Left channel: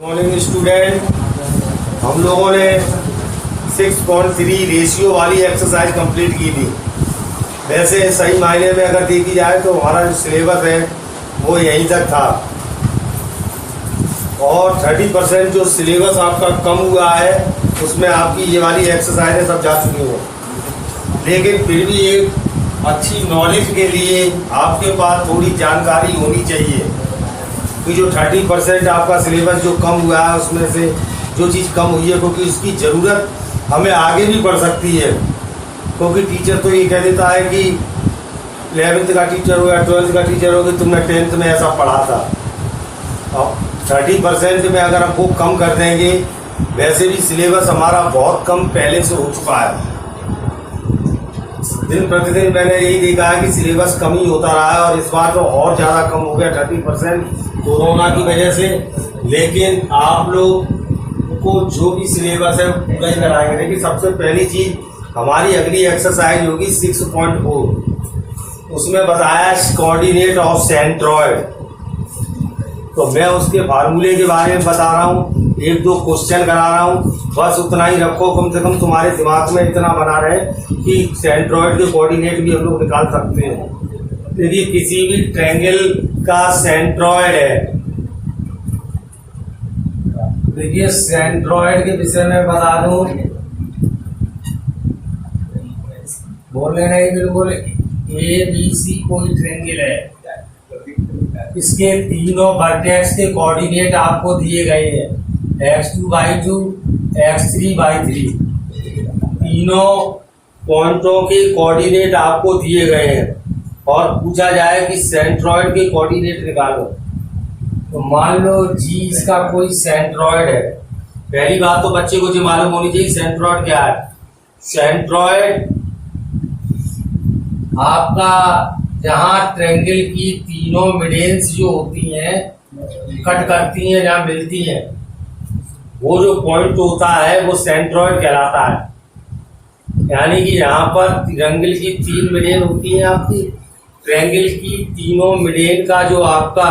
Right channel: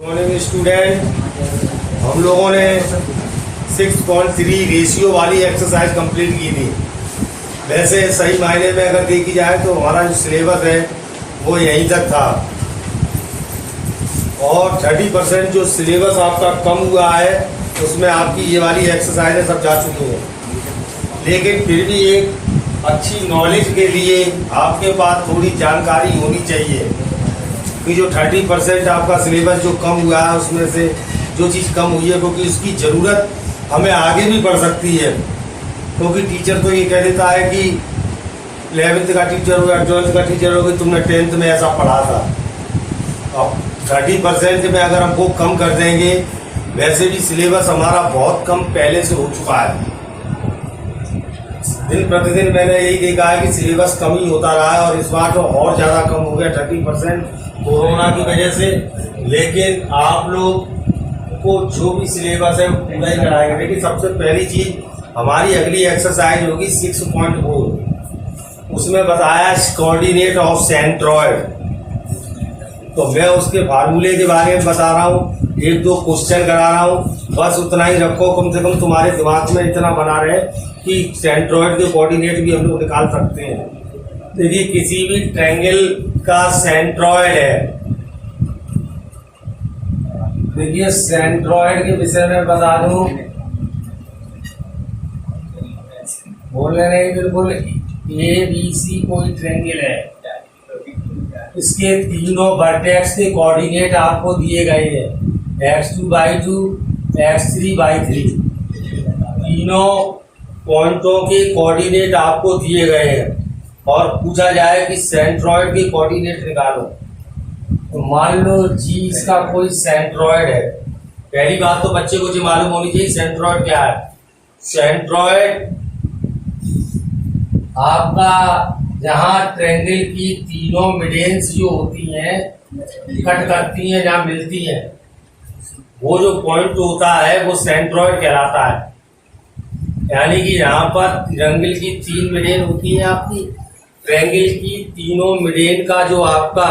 Morning student, हम लोगों ने 6.3 रेशियो वाली एक्सरसाइज कंप्लीट की थी। वैसे सही मायने में अगर देखी जाए तो हमारा जो सिलेबस है वो यहीं तक था और 30% जो सिलेबस आपका कम हुआ है उसमें आपकी ये वाली एक्सरसाइजें सब जा चुकी हैं। लेकिन फिर भी एक अच्छी नॉलेज के लिए आपके पास थोड़ी जानकारी होनी चाहिए कि जो 30% आपका सिलेबस जो कम हुआ है उसमें से जो चीज़ कम हुई है, क्योंकि इसकी ज़रूरत हमें आगे भी पड़ सकती है। क्योंकि टीचर तो ये कह देता है कि 11th का टीचर हो या 12th का टीचर हो कि तुमने 10th में ऐसा पढ़ा था। अब 30% में अगर हम वो कम कर देंगे, वैसे भी सिलेबस हमारा बहुत कम पहले से हो चुका है। दिन प्रतिदिन मैंने यही देखा है कि सिलेबस कम ही होता रहा है और इस बार तो और ज़्यादा कम हो गया 30% कोरोना की वजह से। लेकिन आप लोग को जो भी सिलेबस है पूरा ही कराएंगे। देखिए, सबसे पहली चीज हमारी अगली एक्सरसाइज होगी 6.4। उसमें बताया कोऑर्डिनेट ऑफ सेंट्रॉयड। तो मैं उसके फार्मूले के बारे में बता रहा हूँ, एक दो क्वेश्चन करा रहा हूँ, बस उतना ही रखो। कम से कम तुम्हारे दिमाग में इतना बना रहे कि सेंट्रॉयड के कोऑर्डिनेट भी हम लोग निकाल सकते हैं। यदि किसी भी ट्रायंगल का सेंट्रॉयड है, देखिए सेंट्रॉयड के विषय में बता दूं, बोले नहीं, बिल्कुल ABC कोई ट्रायंगल है, इसके तीनों वर्टेक्स के कोऑर्डिनेट आपको दिए गए हैं, x2/2 x3/3। तीनों पॉइंटों के कोऑर्डिनेट आपको दिए गए हैं और पूछा जाए कि सेंट्रॉयड के कोऑर्डिनेट निकालो। तो मान लो जी इसका कोई सेंट्रॉयड है। पहली बात तो बच्चे को जो मालूम होनी चाहिए सेंट्रॉयड क्या है। सेंट्रॉयड आपका जहां ट्रायंगल की तीनों मिडेंस जो होती हैं कट करती हैं, जहां मिलती हैं, वो जो पॉइंट होता है वो सेंट्रॉयड कहलाता है। यानी कि यहाँ पर ट्रायंगल की तीन मिडेन होती हैं, आपकी ट्रायंगल की तीनों मिडेन का जो आपका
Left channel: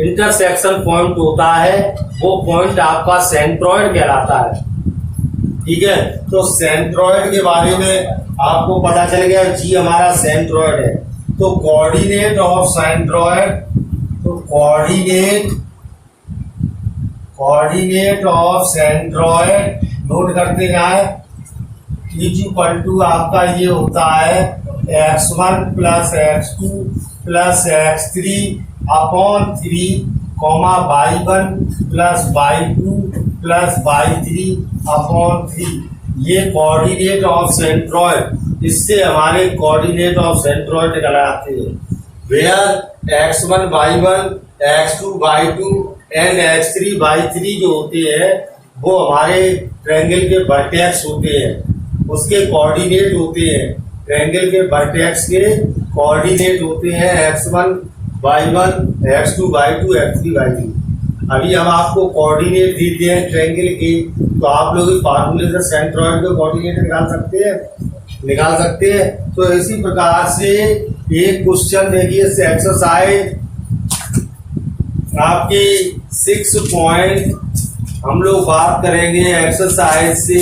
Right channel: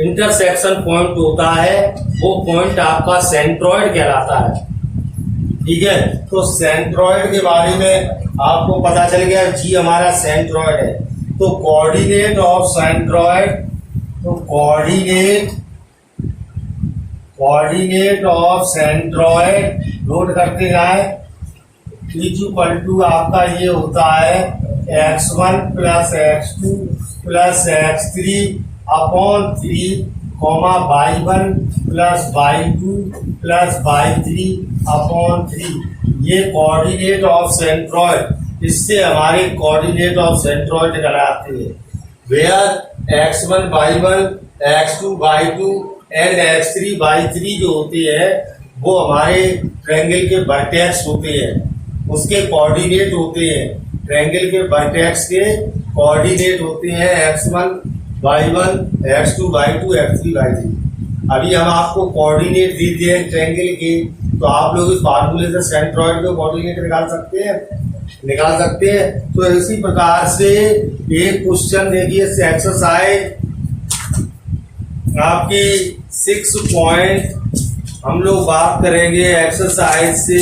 इंटरसेक्शन पॉइंट होता है वो पॉइंट आपका सेंट्रॉयड कहलाता है। ठीक है, तो सेंट्रॉयड के बारे में आपको पता चल गया, जी हमारा सेंट्रॉयड है। तो कोऑर्डिनेट ऑफ सेंट्रॉयड, तो कोऑर्डिनेट ऑफ सेंट्रॉयड नोट करते जाए। इक्वल आपका ये होता है x1 plus x2 plus x3 upon 3 y1 plus y2 plus y3 upon 3। ये कोऑर्डिनेट ऑफ सेंट्रॉयड, इससे हमारे कोऑर्डिनेट ऑफ सेंट्रॉयड निकल आते हैं। Where x1 y1 x2 y2 and x3 y3 जो होते हैं वो हमारे ट्रायंगल के वर्टेक्स होते हैं, उसके कोऑर्डिनेट होते हैं। ट्रायंगल के वर्टेक्स के कोऑर्डिनेट होते हैं x1 y1 x2 y2 x3 y3। अभी हम आपको कोऑर्डिनेट दे दिए हैं ट्रायंगल के, तो आप लोग इस फार्मूले से सेंट्रॉयड के कोऑर्डिनेट निकाल सकते हैं। तो इसी प्रकार से एक क्वेश्चन देखिए, एक्सरसाइज आपकी 6 हम लोग बात करेंगे एक्सरसाइज से।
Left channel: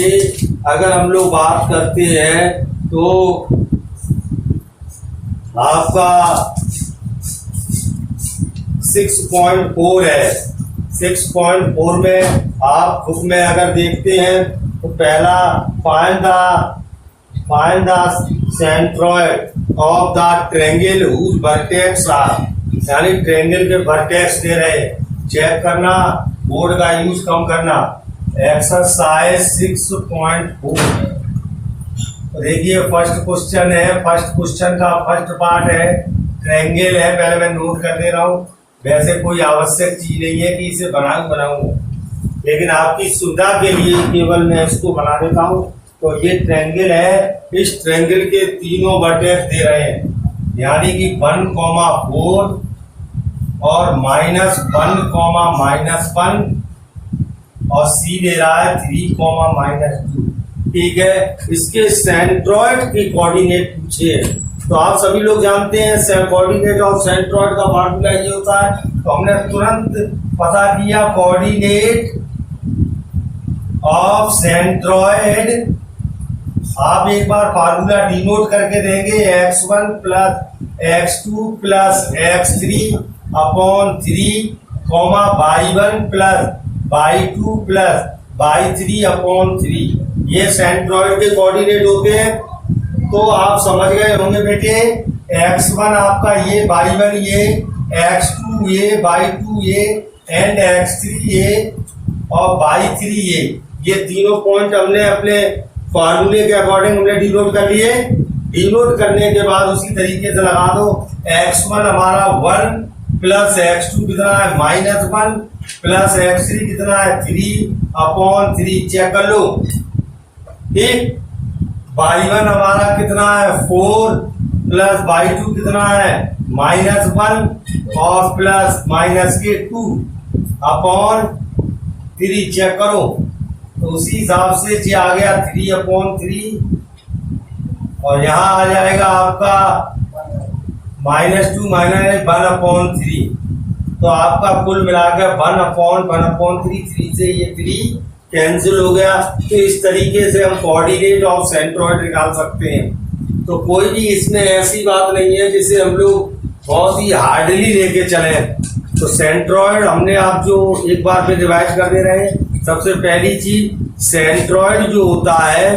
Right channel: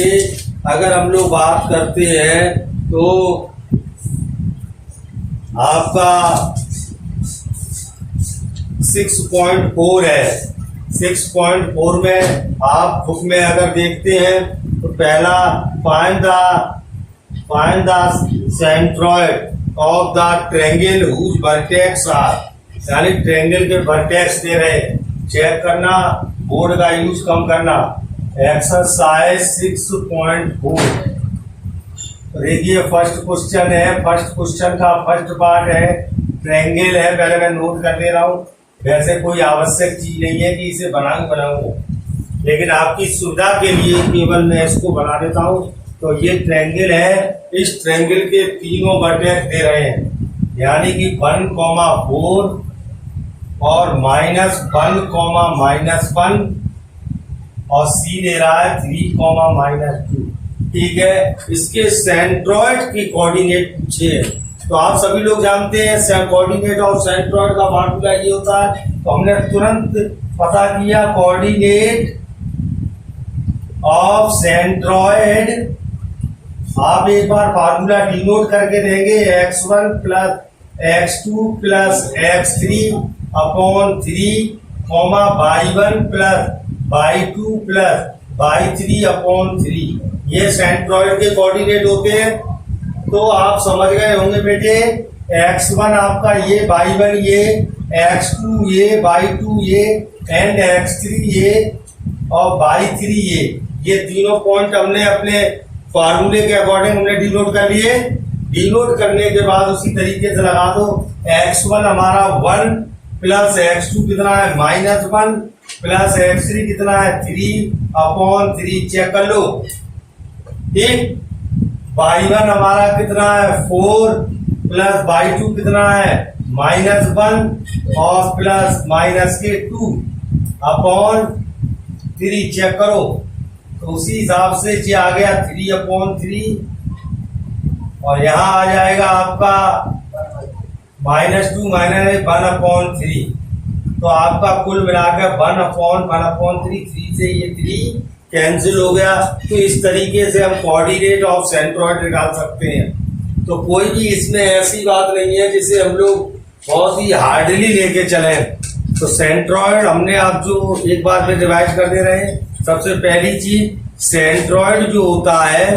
अगर हम लोग बात करते हैं तो आपका 6.4 है। 6.4 में आप बुक में अगर देखते हैं तो पहला find the centroid of the triangle whose vertex are, यानी ट्रायंगल के वर्टेक्स दे रहे, चेक करना, बोर्ड का यूज कम करना। एक्सरसाइज 6.4 देखिए, फर्स्ट क्वेश्चन है। फर्स्ट क्वेश्चन का फर्स्ट पार्ट है ट्रायंगल है, पहले मैं नोट कर दे रहा हूँ। वैसे कोई आवश्यक चीज नहीं है कि इसे बनाऊंगा, लेकिन आपकी सुविधा के लिए केवल मैं इसको बना देता हूँ। तो ये ट्रायंगल है, इस ट्रायंगल के तीनों वर्टेक्स दे रहे हैं, यानी कि 1,4 और -1, -1 और C दे रहा है 3, -2। ठीक है, इसके सेंट्रॉयड के कोऑर्डिनेट पूछे हैं। तो आप सभी लोग जानते हैं कोऑर्डिनेट ऑफ सेंट्रॉयड का फार्मूला ये होता है। तो हमने तुरंत पता किया कोऑर्डिनेट ऑफ सेंट्रॉयड, आप एक बार फार्मूला डिनोट करके देंगे x1 plus x2 plus x3 upon 3 comma y1 plus y2 plus y3 upon 3, ये सेंट्रॉयड के कोऑर्डिनेट होते हैं। तो आप समझ गए होंगे बेटे, x1 आपका ये, y1 ये, x2 ये, y2 ये एंड x3 ये और y3 ये तीनों पॉइंट हमने अपने फॉर्मूले के अकॉर्डिंग हमने डिनोट कर लिए। डिनोट करने के बाद उसी तरीके से लगा दो, x1 हमारा 1 प्लस x2 कितना है -1 प्लस x3 कितना है 3 अपॉन 3, चेक कर लो। ठीक, y1 हमारा कितना है 4 प्लस y2 कितना है -1 और प्लस माइनस के 2 अपॉन 3, चेक करो। तो उसी हिसाब से ये आ गया 3 अपॉन 3 और यहाँ आ जाएगा आपका -2 -1 अपॉन 3। तो आपका कुल मिलाकर 1 अपॉन 3 से ये 3 कैंसिल हो गया। तो इस तरीके से हम कोऑर्डिनेट ऑफ सेंट्रॉयड निकाल सकते हैं। तो कोई भी इसमें ऐसी बात नहीं है जिसे हम लोग बहुत ही हार्डली लेके चले। तो सेंट्रॉयड हमने आप जो एक बार फिर रिवाइज कर दे रहे हैं। सबसे पहली चीज, सेंट्रॉयड जो होता है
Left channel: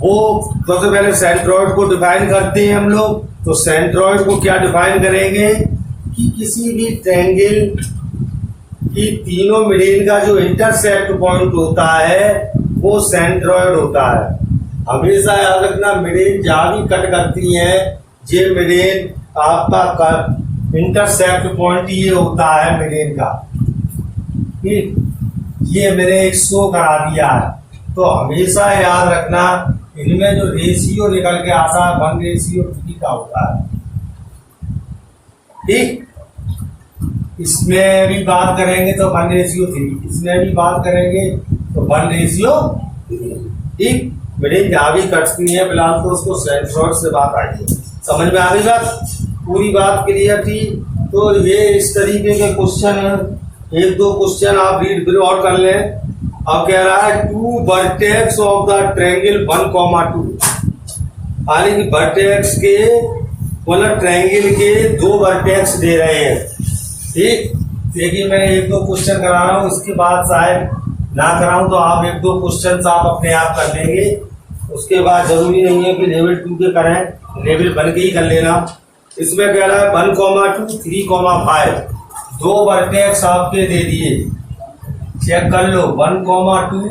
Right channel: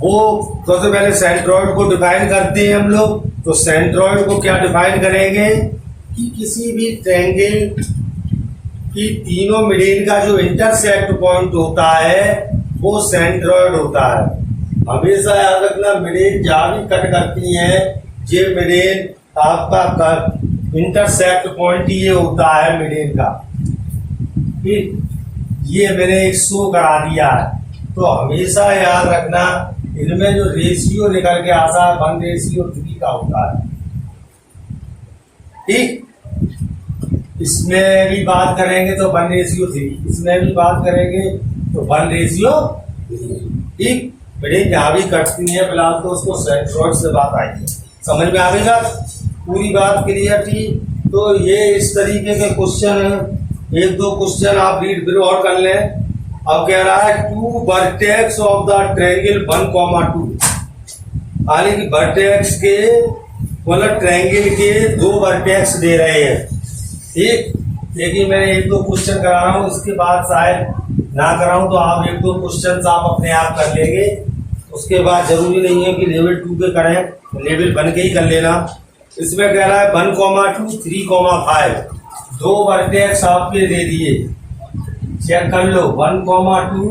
वो सबसे पहले सेंट्रॉयड को डिफाइन करते हैं हम लोग। तो सेंट्रॉयड को क्या डिफाइन करेंगे कि किसी भी ट्रायंगल की तीनों मिडेन का जो इंटरसेक्ट पॉइंट होता है वो सेंट्रॉयड होता है। हमेशा याद रखना, मिडेन जहां भी कट करती है ये मिडेन आपका इंटरसेक्ट पॉइंट ये होता है मिडेन का। ठीक, ये मैंने एक शो करा दिया है। तो हमेशा याद रखना, इनमें जो रेशियो निकल के आता है 1:3 का होता है। ठीक, इसमें भी बात करेंगे तो 1:3, इसमें भी बात करेंगे तो 1:3। ठीक, मिडेन जहां भी कटती है फिलहाल तो उसको सेंट्रॉयड से बात आई है। समझ में आ गई बात, पूरी बात क्लियर थी। तो ये इस तरीके के क्वेश्चन है, एक दो क्वेश्चन आप रीड फिर और कर लें। अब कह रहा है 2 वर्टेक्स ऑफ द ट्रायंगल 1,2, यानी कि वर्टेक्स के मतलब ट्रायंगल के 2 वर्टेक्स दे रहे हैं। ठीक, लेकिन मैं एक दो क्वेश्चन करा रहा हूँ, उसके बाद शायद ना कराऊं तो आप एक दो क्वेश्चन आप अपने आप कर लेंगे। उसके बाद जरूरी नहीं है कि लेवल 2 के करें, लेवल 1 के ही कर लेना। इसमें कह रहा है 1,2 3,5 2 वर्टेक्स आपके दे दिए, चेक कर लो 1,2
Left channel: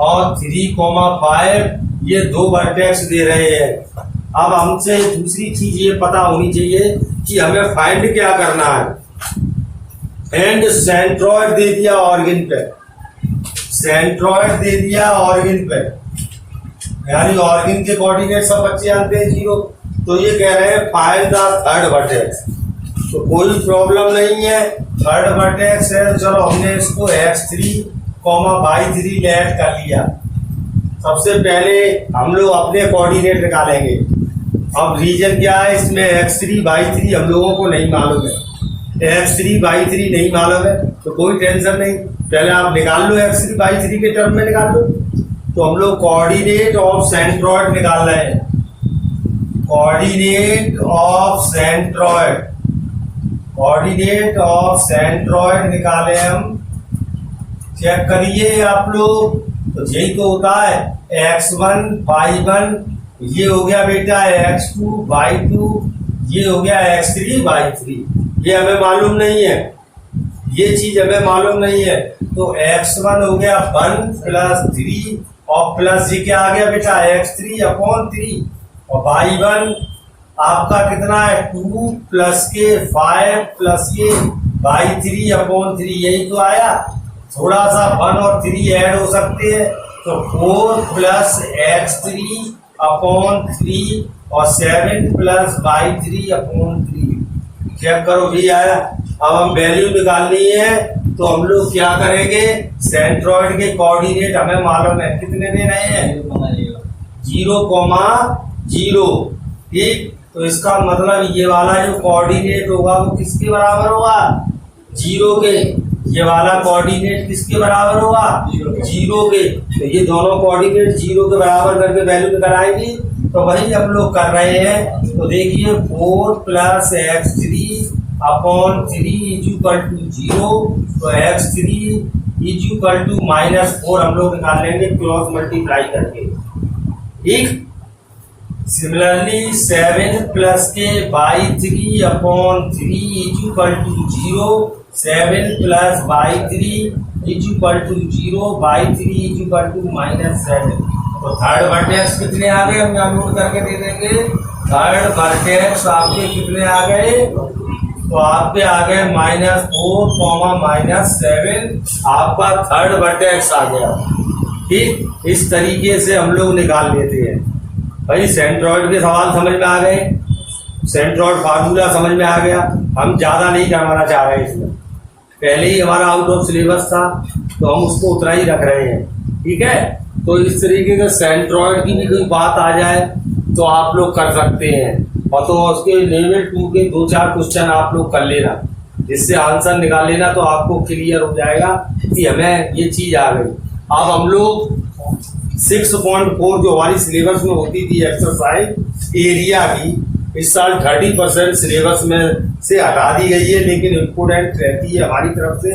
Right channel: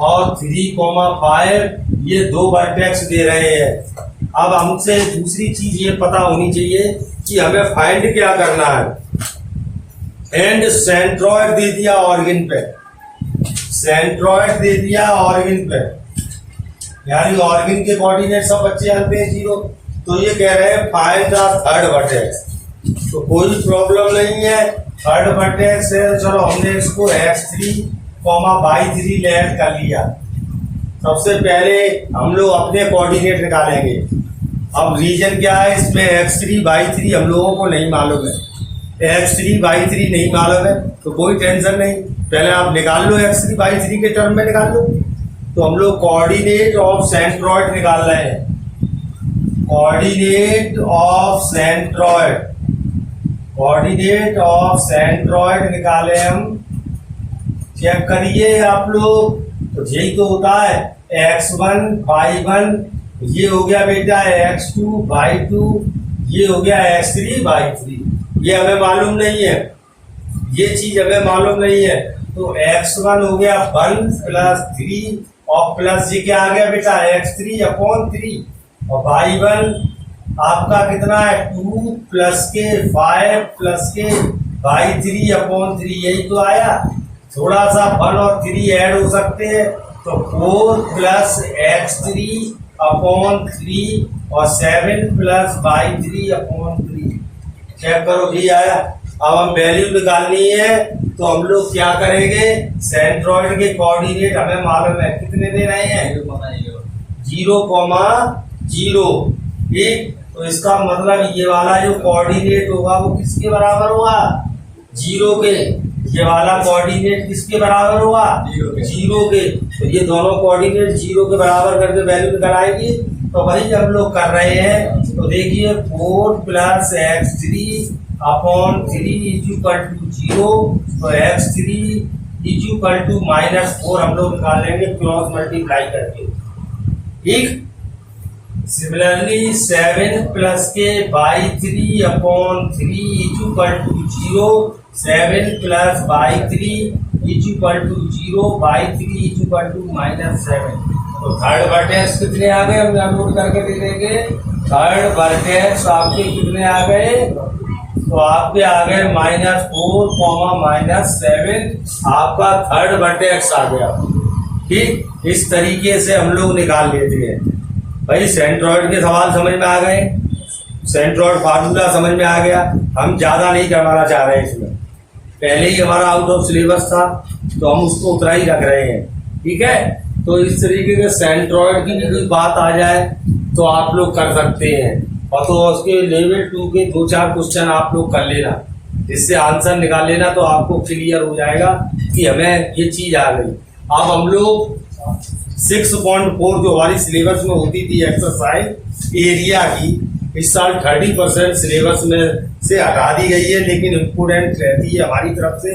और 3,5 ये 2 वर्टेक्स दे रहे हैं। अब हमसे दूसरी चीज ये पता होनी चाहिए कि हमें फाइंड क्या करना है। एंड सेंट्रॉयड दे दिया ऑरिजिन पे, सेंट्रॉयड दे दिया ऑरिजिन पे, यानी ऑरिजिन के कोऑर्डिनेट सब बच्चे जानते हैं 0। तो ये कह रहे हैं फाइंड द थर्ड वर्टेक्स। तो कोई प्रॉब्लम नहीं है, थर्ड वर्टेक्स है। चलो हमने इसको x3, y3 ऐड कर लिया। सबसे पहले हम लोग अपने कोऑर्डिनेट निकालेंगे। अब रीजन क्या है इसमें, x3 y3 हम लोगों को नहीं मालूम है। x3 y3 नहीं मालूम है तो कोई टेंशन नहीं, पहले आप निकाल लो x3 y3 के टर्म में निकाल लो। तो हम लोग कोऑर्डिनेट ऑफ सेंट्रॉयड निकाल रहे हैं, coordinate of centroid, coordinate of centroid निकाले हम। चेक करिए आप लोग, तो यही तो होता है x1 y1 ये हो गया बेटा x2 y2, ये हो गया x3 y3। ये हमें मालूम नहीं है, ये चीज हमें मालूम नहीं है। तो x1 हो गया 1 प्लस 3 और प्लस ये क्या आ गया बेटा x3 अपॉन 3 और y1 आपका कितना है 2 प्लस के 5 प्लस के y3 अपॉन 3, यही तो आया। थोड़ा सा 1 और 3 ऐड हो सकते हैं तो 4 प्लस x3 अपॉन 3 और 7 प्लस y3 अपॉन 3। चेक करो भी आया। अब हम वैल्यू निकालनी है तो हम लोग क्या करेंगे, सेंट्रॉयड के कोऑर्डिनेट हमें मालूम है कितने दे रहे हैं 0,0। ठीक, तो इसका मतलब ये वाला जो कोऑर्डिनेट होगा वो किसके बराबर होगा, जीरो के, ये वाला कोऑर्डिनेट किसके बराबर होगा? जीरो के। तो ये दोनों कोऑर्डिनेट जीरो के बराबर करके वैल्यू निकल आएगी। तो वही हम लोग कर रहे हैं। तो देखिए 4 + x3 अपॉन 3 इक्वल टू 0। तो x3 इक्वल टू -4 हम लोग निकाल लेंगे क्रॉस मल्टीप्लाई करके। ठीक। Similarly 7 + k/3 upon 3 equal to 0। 7 + y3 equal to 0/3 equal to -7। तो थर्ड वर्टेक्स कितने आ गए? हम यहाँ नोट करके दे देंगे। थर्ड वर्टेक्स आपके कितने आ गए? तो आपके आ गए -4, -7 आपका थर्ड वर्टेक्स आ गया। ठीक। इस तरीके से हम लोग निकाल लेते हैं। भाई सेंट्रॉइड के सवाल समझ में आ गए, सेंट्रॉइड फार्मूला समझ में आ गया। हम ज्यादा नहीं करवाना चाह रहे इसमें, पहले ही हमारा आउट ऑफ सिलेबस था तो हम उसको उतना ही रख रहे हैं। ठीक है। तो इस तरीके से सेंट्रॉइड की भी कोई बात आ जाए तो आप लोग कर सकते हैं। और तो उसके लेवल 2 के 2-4 क्वेश्चन आप लोग कर लेना, जिससे आंसर निकाल लेना, तो आपको क्लियर हो जाएगा कि हमें ये चीज आ गई। अब हम लोग 6.4 जो हमारी सिलेबस में होती थी एक्सरसाइज एरिया की, इस साल 30% सिलेबस में से हटा दी गई है, लेकिन इम्पोर्टेंट रहती है हमारी तरफ से।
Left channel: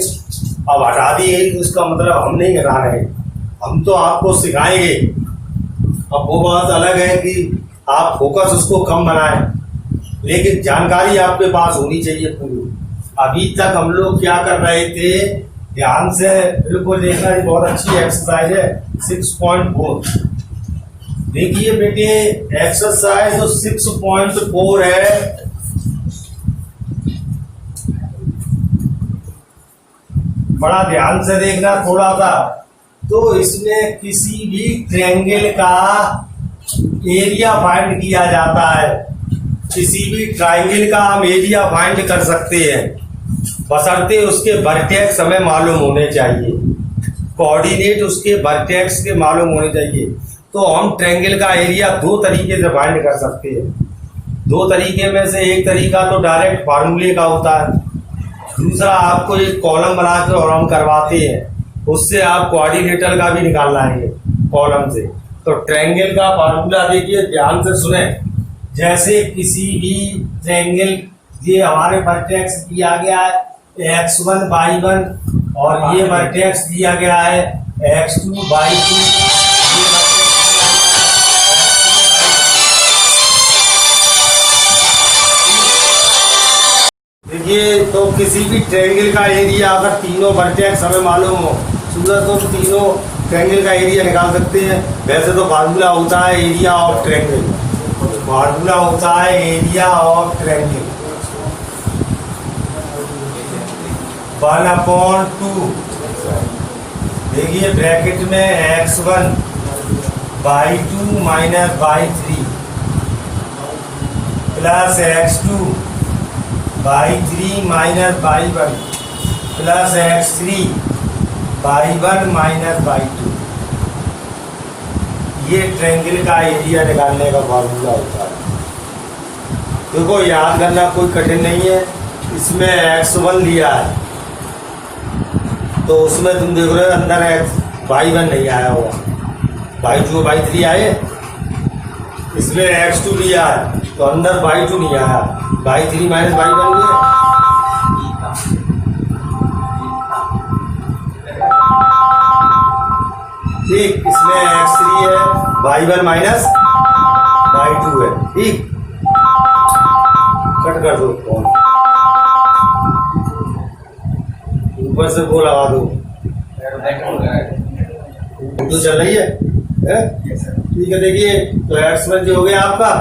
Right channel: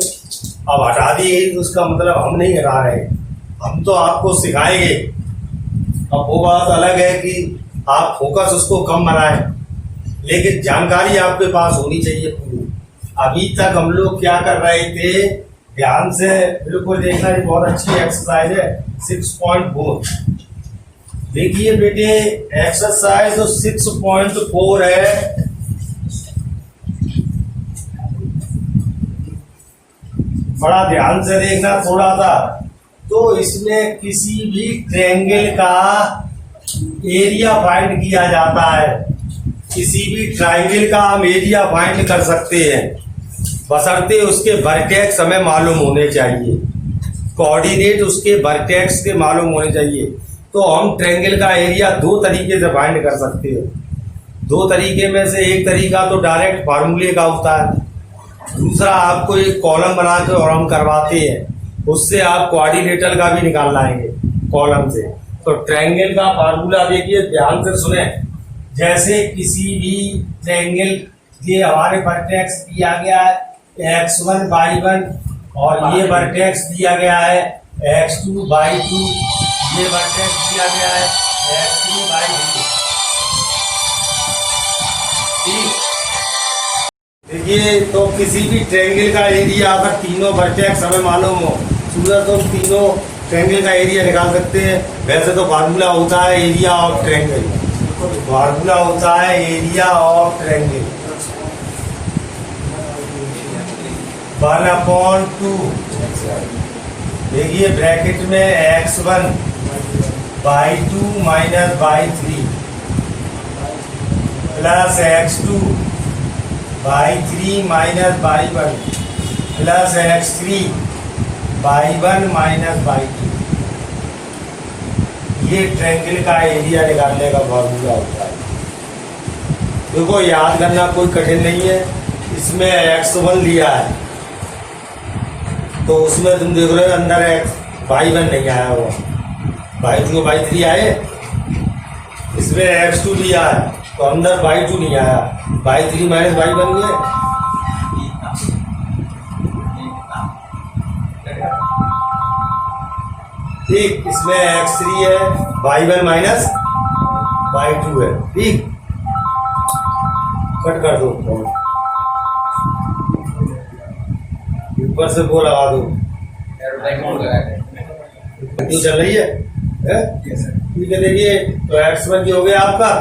अब हटा दी गई तो उसका मतलब हम नहीं हटा रहे, हम तो आपको सिखाएंगे। अब वो बात अलग है कि आप फोकस उसको कम बनाएं, लेकिन जानकारी आपके पास होनी चाहिए पूरी। अभी तक हम लोग क्या कर रहे थे, ध्यान से बिल्कुल देखना, ये बहुत अच्छी एक्सरसाइज है 6.4। देखिए बेटे एक्सरसाइज तो 6.4 है। बड़ा ध्यान से देखना थोड़ा सा। तो इसमें किसी भी ट्रायंगल का एरिया फाइंड किया जाता है। किसी भी ट्रायंगल का हम एरिया फाइंड कर सकते हैं, बशर्ते उसके वर्टेक्स हमें मालूम होने चाहिए, कोऑर्डिनेट उसके वर्टेक्स के मालूम होने चाहिए। तो हम ट्रायंगल का एरिया 2 तरीके से फाइंड कर सकते हैं। 2 तरीके में से एक तरीका तो डायरेक्ट फार्मूले का होता है, दूसरा आपको एक कॉलम बना के और हम करवाते हैं, उससे आप कोऑर्डिनेटर का भी निकाल लाएंगे कॉलम से। तो ट्रायंगल का फार्मूला देखिए, ध्यान से सुने। जैसे किसी भी ट्रायंगल, ये हमारे वर्टेक्स दिया गया है x1 y1 और ये वर्टेक्स दिया गया है x2 y2, ये वर्टेक्स दिया गया है x3 y3। देखिए तो किसी भी ट्रायंगल का एरिया अगर तीनों वर्टेक्स हमें मालूम हो, सूरत तो तीनों ट्रायंगल का एरिया निकाल सकते हैं। वैसे तो फार्मूला होता है एरिया ऑफ ट्रायंगल, फार्मूला होता है एरिया ऑफ ट्रायंगल 1/2। देखिए ब्रैकेट में x1 y2 minus y3 plus x2 y3 minus y1 plus x3 y1 minus y2। ये ट्रायंगल का एरिया निकालने का फॉर्मूला होता है। देखो याद करना कोई कठिन नहीं है। इसमें x1 लिया है तो उसमें तुम देख रहे हो अंदर y1 नहीं आया होगा, y2 y3 आए। इसमें x2 लिया है तो अंदर y2 नहीं आया, y3 माइनस y1 हुए। ठीक, इसमें x3 है, y1 माइनस y2 है। ठीक, कट कर दो फोन, ऊपर से वो लगा दो, तो चल रही है। ठीक है, देखिए तो x1 जो हो गया आपका,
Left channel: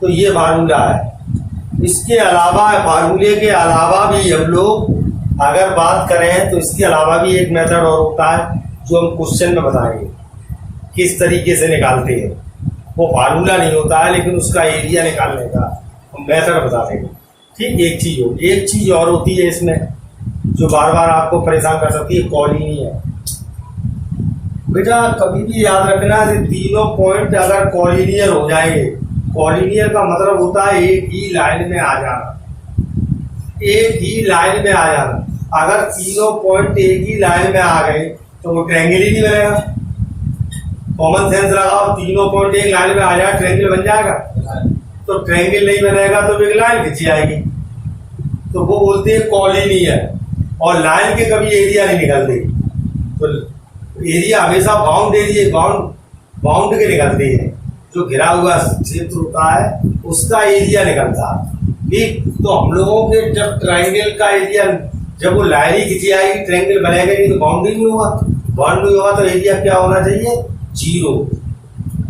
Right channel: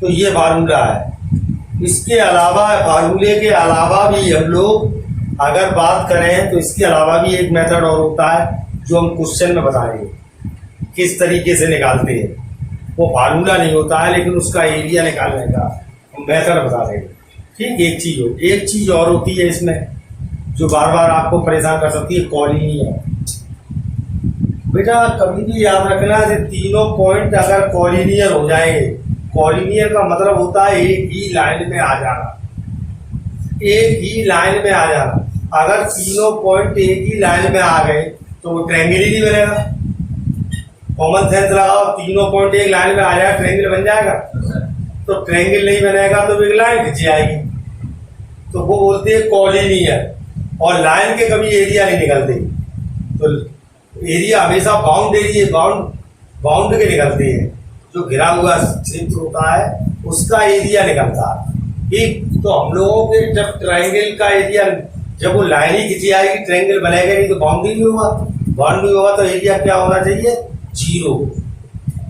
तो ये फार्मूला है। इसके अलावा फार्मूले के अलावा भी हम लोग अगर बात करें तो इसके अलावा भी एक मेथड और होता है जो हम क्वेश्चन में बताएंगे किस तरीके से निकालते हैं। वो फार्मूला नहीं होता है लेकिन उसका एरिया निकालने का हम मेथड बता देंगे। ठीक, एक चीज और होती है इसमें जो बार बार आपको परेशान कर सकती है, कॉलिनियर। बेटा कभी भी याद रखना कि तीनों पॉइंट अगर कॉलिनियर हो जाएंगे, कॉलिनियर का मतलब होता है एक ही लाइन में आ जाना। एक ही लाइन में आ जाना। अगर तीनों पॉइंट एक ही लाइन में आ गए तो वो ट्रायंगल ही नहीं बनेगा। कॉमन सेंस लगाओ, तीनों पॉइंट एक लाइन में आ जाए ट्रायंगल बन जाएगा? तो ट्रायंगल नहीं बनेगा तो एक लाइन खींची आएगी, तो वो बोलते हैं कॉलिनियर। और लाइन के कभी एरिया नहीं निकलते, तो एरिया हमेशा बाउंड के निकलते हैं। जो घिरा हुआ क्षेत्र होता है उसका एरिया निकलता है। ठीक, तो हम लोगों के जब ट्रायंगल का एरिया, जब वो लाइन ही खींची आएगी ट्रायंगल बनेगा नहीं, तो बाउंड्री नहीं होगा। बाउंड्री होगा तो एरिया क्या होना चाहिए? 0।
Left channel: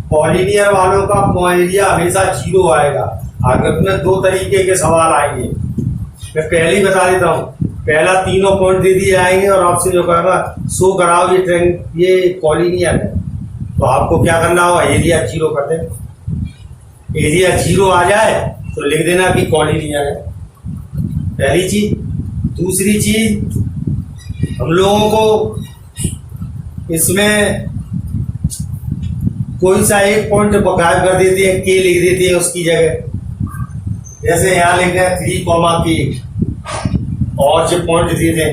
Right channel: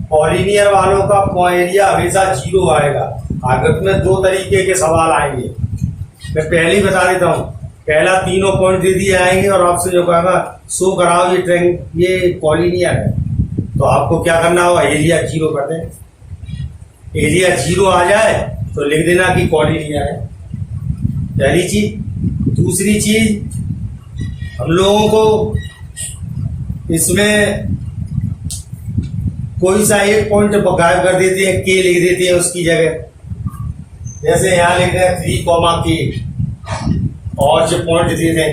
कॉलिनियर वालों का एरिया हमेशा 0 आएगा। आगे में 2 तरीके के सवाल आएंगे, मैं पहले ही बता देता हूँ। पहला तीनों पॉइंट दे दिए आएंगे और आपसे जो कहेगा शो कराओ ये कॉलिनियर है, तो आपको क्या करना होगा? एरिया 0 कर दें। एरिया 0 आ जाए तो लिख देना कि कॉलिनियर है, पहली चीज। दूसरी चीज, हम लोगों को इसमें कोई सा एक पॉइंट गायब कर देते हैं, के लिख देते हैं उसकी जगह। जैसे यहाँ लिख रहे हैं 3, के, और जो पॉइंट दे दें,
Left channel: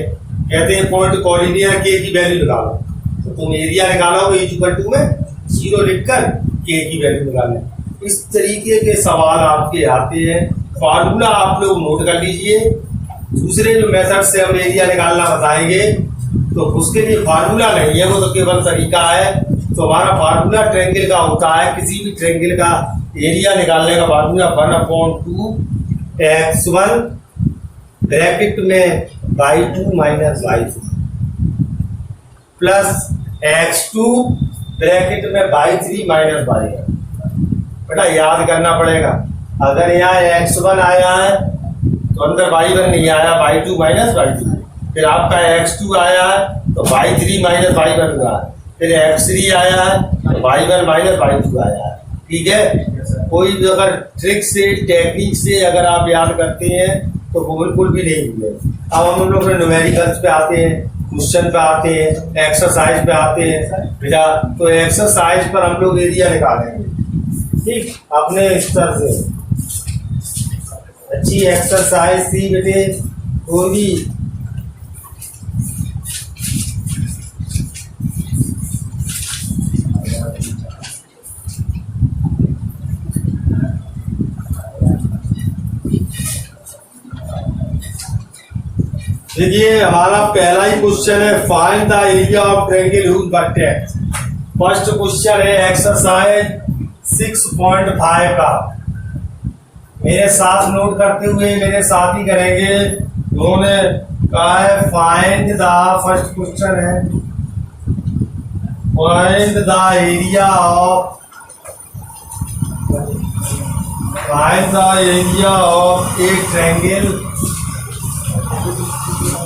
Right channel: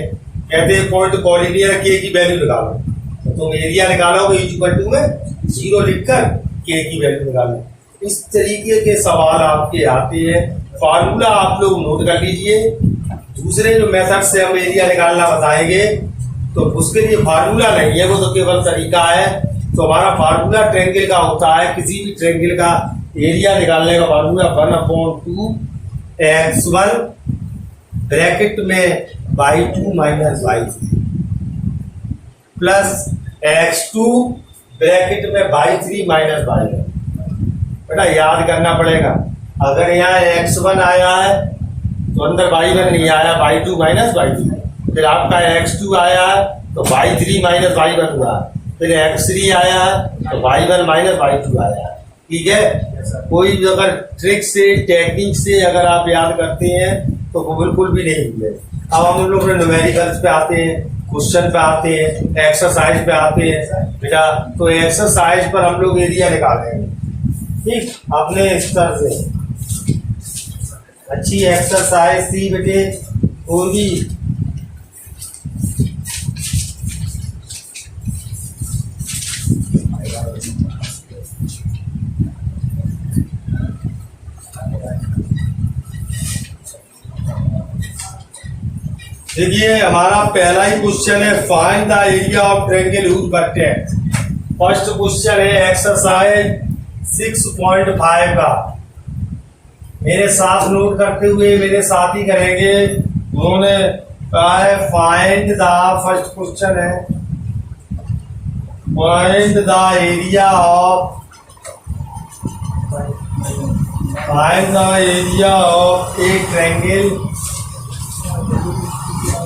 कहते हैं पॉइंट कॉलिनियर के की वैल्यू निकालो, तो तुम एरिया निकालो इक्वल टू में 0 लिखकर के की वैल्यू निकालें। इस तरीके के सवाल आपके आते हैं। फार्मूला आप लोग नोट कर लीजिए। दूसरे जो मेथड से हम एरिया निकालना बताएंगे तो उसके लिए फार्मूला नहीं है, वो तो केवल तरीका है। तो हमारा फार्मूला ट्रायंगल का होता है, किसी भी ट्रायंगल का एरिया निकालने का फार्मूला 1/2 x1 ब्रैकेट में y2 minus y3 plus x2 bracket में y3 माइनस y1। बेटा याद करना पड़ेगा, अगर यहाँ x1 आया है तो अंदर y1 नहीं आया, y2 माइनस y2। फिर आपका x2 आया है तो y3 माइनस y1 हुआ है। फिर x3 आया है तो y1 माइनस y2 आया है। ठीक है, कोई अगर ट्रिक से, टेक्निक से अगर आप याद करते हैं तो वो बिल्कुल भी नहीं भूले। अब हम लोग न्यूमेरिकल्स पे आते हैं, क्वेश्चन पे आते हैं, एक्सरसाइज पे आते हैं बेटा। तो एक्सरसाइज पर हम लोग एरिया निकालेंगे। ठीक, अपने स्तर से अच्छी एक्सरसाइज थी बेटे। पूरी देखिए, हमारा पहला ही क्वेश्चन है, find the area of triangle used by text. First question है एक्सरसाइज 6.5 का। मेरे साथ नोट करते हुए मेरे साथ ही करेंगे। उन्होंने कहा है फाइंड द, फर्स्ट क्वेश्चन है find the area of A triangle.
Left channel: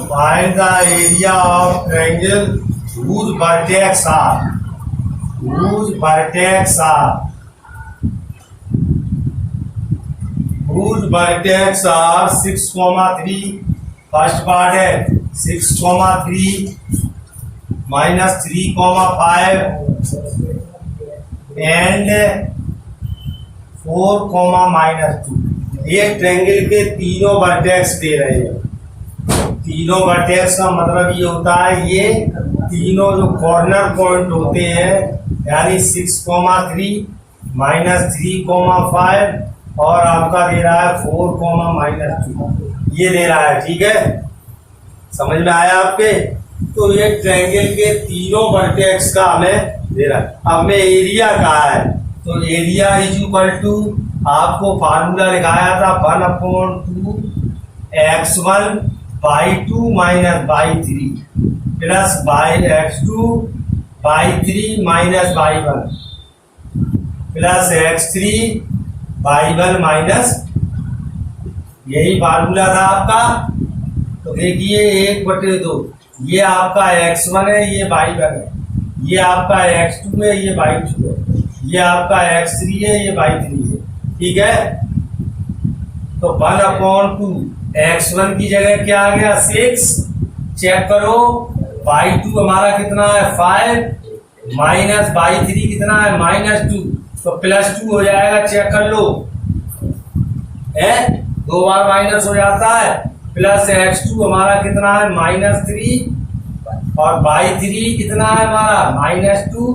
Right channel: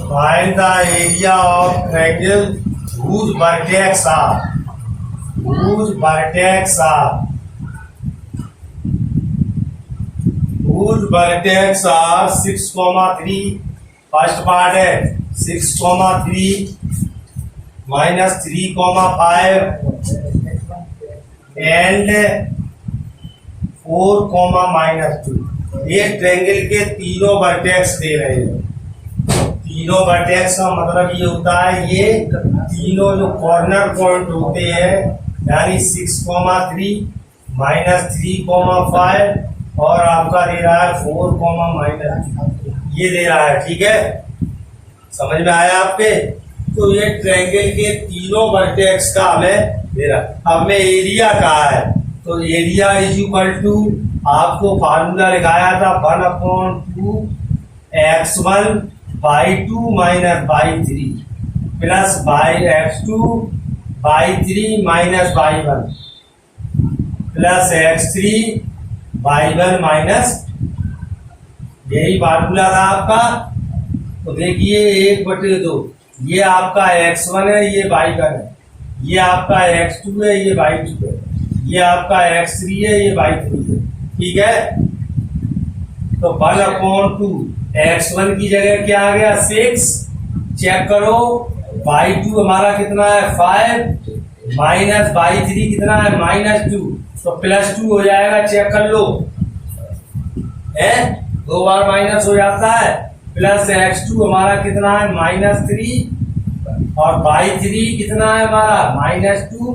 Find the area of triangle whose vertex are 6,3। First part है 6,3 माइनस 3,5 एंड 4,-2। ये ट्रायंगल के तीनों वर्टेक्स दे रहे हैं। तीनों वर्टेक्स का मतलब ये होता है, ये तीनों जो कॉर्नर पॉइंट होते हैं, यानी 6,3 माइनस 3,5 और आपका दे रहा है 4,-2, ये दे रहा है। ठीक है, समझ में आया आपके? तो ये ट्रायंगल के तीनों वर्टेक्स का हमें दे रहा है। अब मैं एरिया कहा है, तो एरिया इज इक्वल टू, आपको फार्मूला लिखाया था 1/2 x1 y2 minus y3 plus x2 y3 minus y1 plus x3 y1 minus, यही फार्मूला था आपका। तो देखिए 1/2, ये आपका x1 है, ये y1 है, ये आपका x2 है, ये y2 है, ये आपका x3 है, ये y3 है। ठीक है, तो 1/2 x1 की जगह क्या आ गया 6, चेक करो। y2 हमारा कितना है 5 माइनस y3 कितना है -2, तो +2 हो जाएगा। चेक कर लो, है 2 बार माइनस हो जाता है प्लस x2 हमारा कितना है -3 और y3 कितना है हमारा -2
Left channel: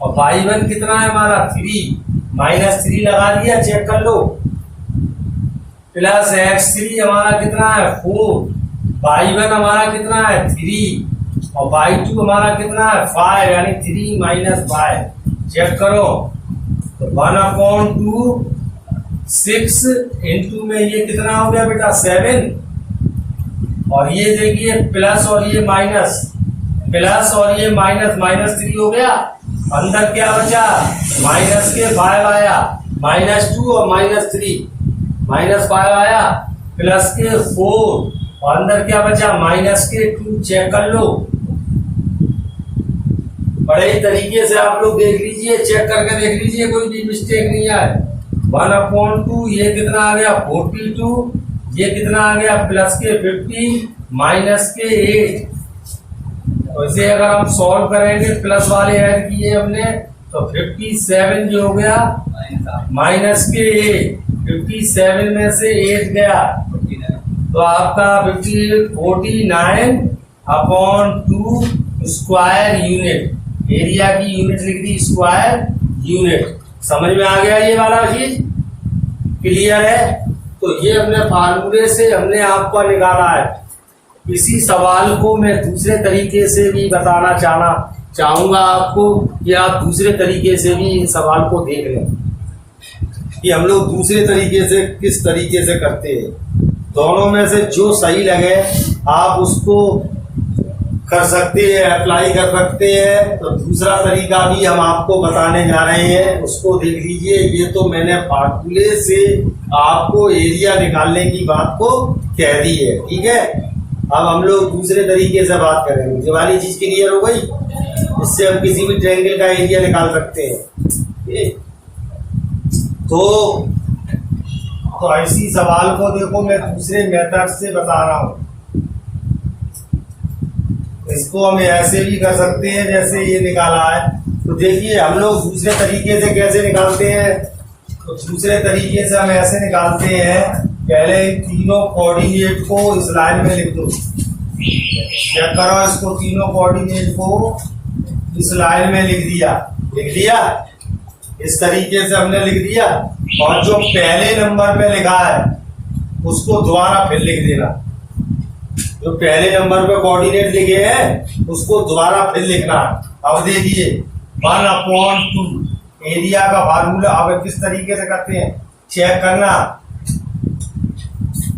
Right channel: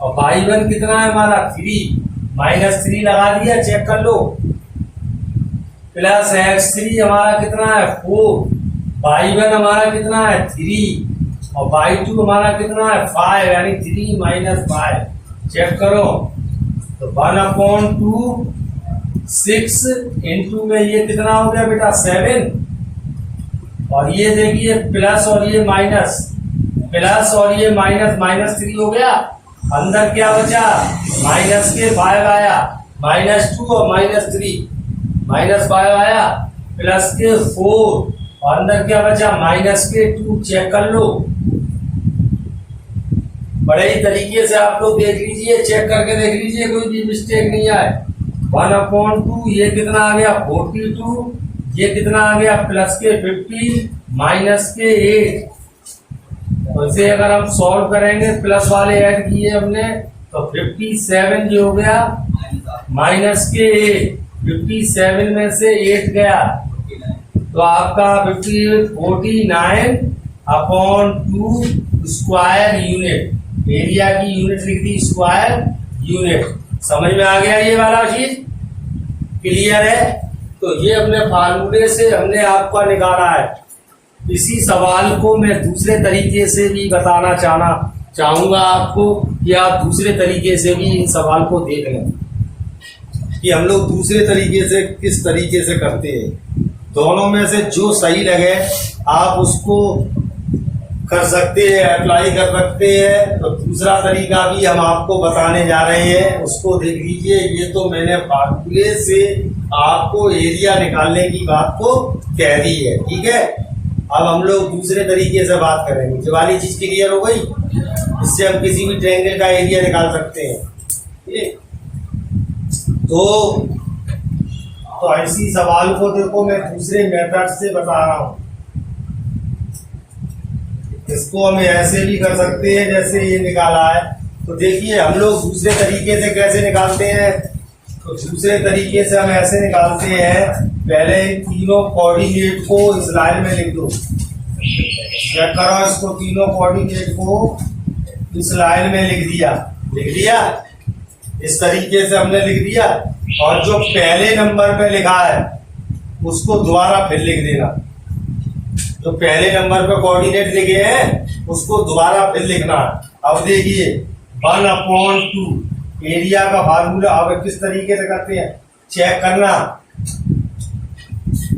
और y1 कितना है हमारा 3 -3 लगा दिया, चेक कर लो। प्लस x3 हमारा कितना है 4, y1 हमारा कितना है 3 और y2 हमारा कितना है 5 यानी 3 - 5 चेक करो। तो 1/2 6 इंटू में ये कितना हो गया बेटा 7 और ये देखिए प्लस और ये माइनस, प्लस और ये माइनस, -3 हो गया। अंदर क्या बचा माइनस के 5 आया, -2 और -3 -5 आया, प्लस के 4 और अंदर क्या बचा माइनस के 2 चेक कर लो। बड़े ही तरीके से आप लोग देख लीजिए, चेक करके देख लीजिए कोई भी मिस्टेक नहीं आए। 1/2 ये कितना आ गया 42, ये कितना आ गया प्लस के 50 माइनस के 8। तो इसे अगर हम सॉल्व करेंगे प्लस वाले ऐड किए हमने तो 57 जो हो गया माइनस के 8, 57 में से 8 गया तो आपका 49/2 स्क्वायर यूनिट, एरिया की यूनिट लिख दी स्क्वायर यूनिट। समझ में आ गया ये वाला चीज, क्लियर है। तो ये अपने फार्मूले से हमने आपको निकाला है। इसी सवाल को मैं दूसरे तरीके से भी बताना चाहूंगा आपको कि आप दूसरे तरीके से भी इन सवाल को देख लें कि हम लोग दूसरे तरीके से किस तरीके से करते हैं। दोनों में से जो सही लगे आप उसको कर सकते हैं, अप्लाई कर सकते हैं। तो दूसरा तरीका भी हम आपको बताने जा रहे हैं, उसको देख लीजिए। ये तो मैंने फार्मूले से आपको एरिया निकालने की बात को कह दी है, ठीक है। अब हम लोग दूसरे तरीके से बात करेंगे। जो वाली चीज क्लियर हो गई, इससे हम किसी भी ट्रायंगल का एरिया निकाल सकते हैं। तो ऐसी सवाल को देखो मैं दूसरे मेथड से बता रहा हूं। इसको हम ऐसे भी कर सकते हैं जैसे ये निकाला है। तो देखिए हम लोग दूसरे तरीके से कैसे निकालते हैं। तो दूसरे तरीके से हम ऐसे निकालते हैं, पहले इन तीनों कोऑर्डिनेट को इस लाइन में लिख दो। चेक करो, इसको तीनों कोऑर्डिनेट को इस लाइन में लिख दिया। इस तरीके से हमने लिख दिया और जो पहले नंबर पे लिखा है उसको दोबारा फिर लिख देना। जो पहले नंबर पे कोऑर्डिनेट लिखे हैं उसको दोबारा फिर लिखना। अब देखिए 1/2 एरिया का फार्मूला अब किस तरीके से करते हैं चेक करना।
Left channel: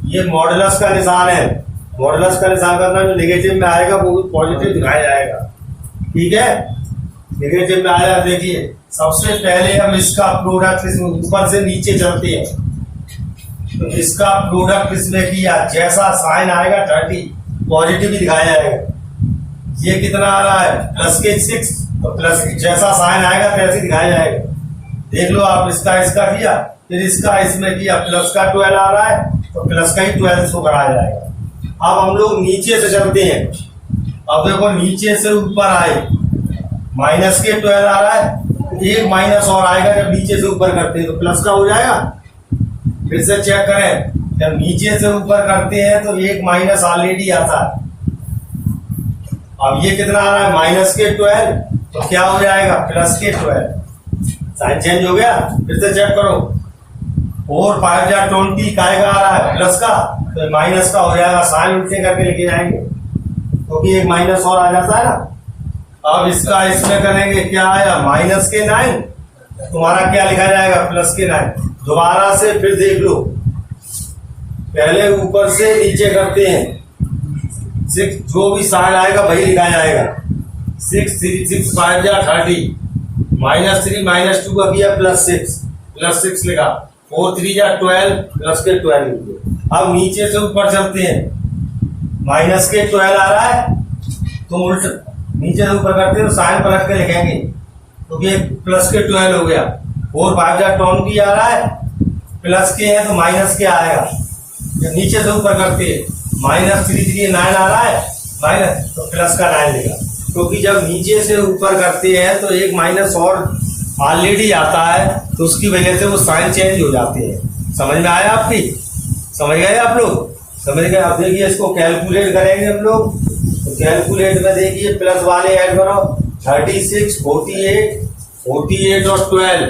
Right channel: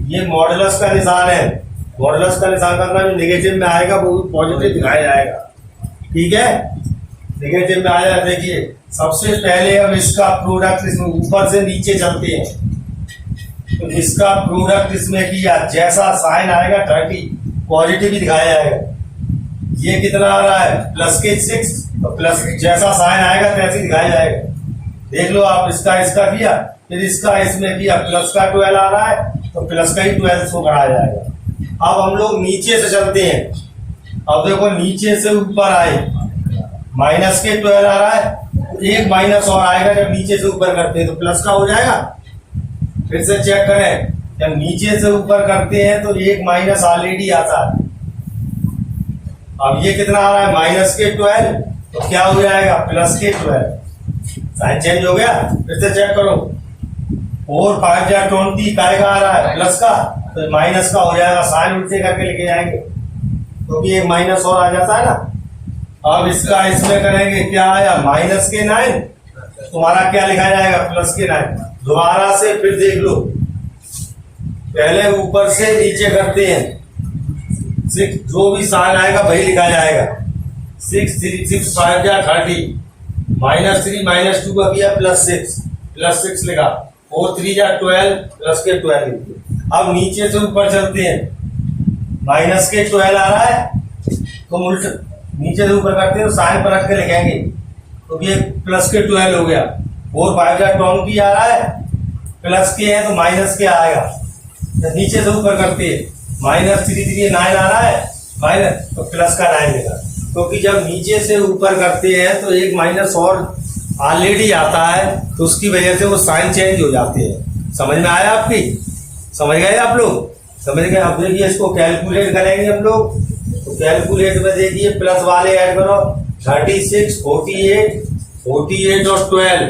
ये मॉडुलस का निशान है, मॉडुलस का निशान करना जो नेगेटिव में आएगा वो पॉजिटिव दिखाया जाएगा, ठीक है। नेगेटिव में आया, देखिए सबसे पहले हम इसका प्रोडक्ट इसमें ऊपर से नीचे चलते हैं। तो इसका प्रोडक्ट इसमें किया, जैसा साइन आएगा 30 पॉजिटिव ही दिखाया जाएगा। ये कितना आ रहा है प्लस के 6, तो प्लस जैसा साइन आएगा तैसे दिखाया जाएगा। देख लो आप, इसका किया, फिर इसका इसमें किया, प्लस का 12 आ रहा है तो प्लस का ही 12 शो कराया जाएगा। अब हम लोग नीचे से चलते हैं। अब देखो नीचे से ऊपर आए, माइनस के 12 आ रहा है, एक माइनस और आएगा जब नीचे से ऊपर करते हैं तो प्लस का हो जाएगा। फिर से चेक करें, जब नीचे से ऊपर करते हैं तो एक माइनस ऑलरेडी आता है। अब ये कितना आ रहा है माइनस के 12, तो क्या हो जाएगा प्लस के 12, साइन चेंज हो गया। फिर से चेक करो, 4 5 जा 20 का आ रहा है प्लस का, तो माइनस का हो जाएगा। साइन उल्टे करके लेके जाएंगे क्योंकि तो एक माइनस और आ जाता है ना। अब इसका इसमें करेंगे, क्या आया माइनस के 9, तुम्हारा क्या लिखा जाएगा प्लस के 9। दोबारा से फिर देख लो, पहले ऊपर से नीचे करते हैं, 6 जो भी साइन आएगा वही लिखा जाएगा। 6 3 6 5 जा 30, -3 -2 का किया प्लस 6 लिखा, 4 3 जा 12 प्लस के 12 लिखे। अब नीचे से ऊपर चलते हैं, माइनस के 12 आ रहा है, तुम उल्टा नीचे से ऊपर करते हैं तो साइन पलट के लिखेंगे तो ये प्लस के 12 हो गया। 4 5 जा 20 आ रहा है, प्लस के है तो माइनस के आएगा। जब नीचे से ऊपर करते हैं, -3 3 9 आ रहा है माइनस, तो प्लस का 9 लेगा। क्योंकि जब नीचे से ऊपर करते हैं तो एक माइनस और ऑलरेडी आता है, तो उसकी वजह से वो साइन चेंज हो जाते हैं। समझ में आया आपकी? समझ गए आप लोग? समझ गए। अब देखिए इसको कैलकुलेट करेंगे हम लोग, तो कैलकुलेट में देखिए प्लस वाले ऐड करो 36, 48, 48 और 12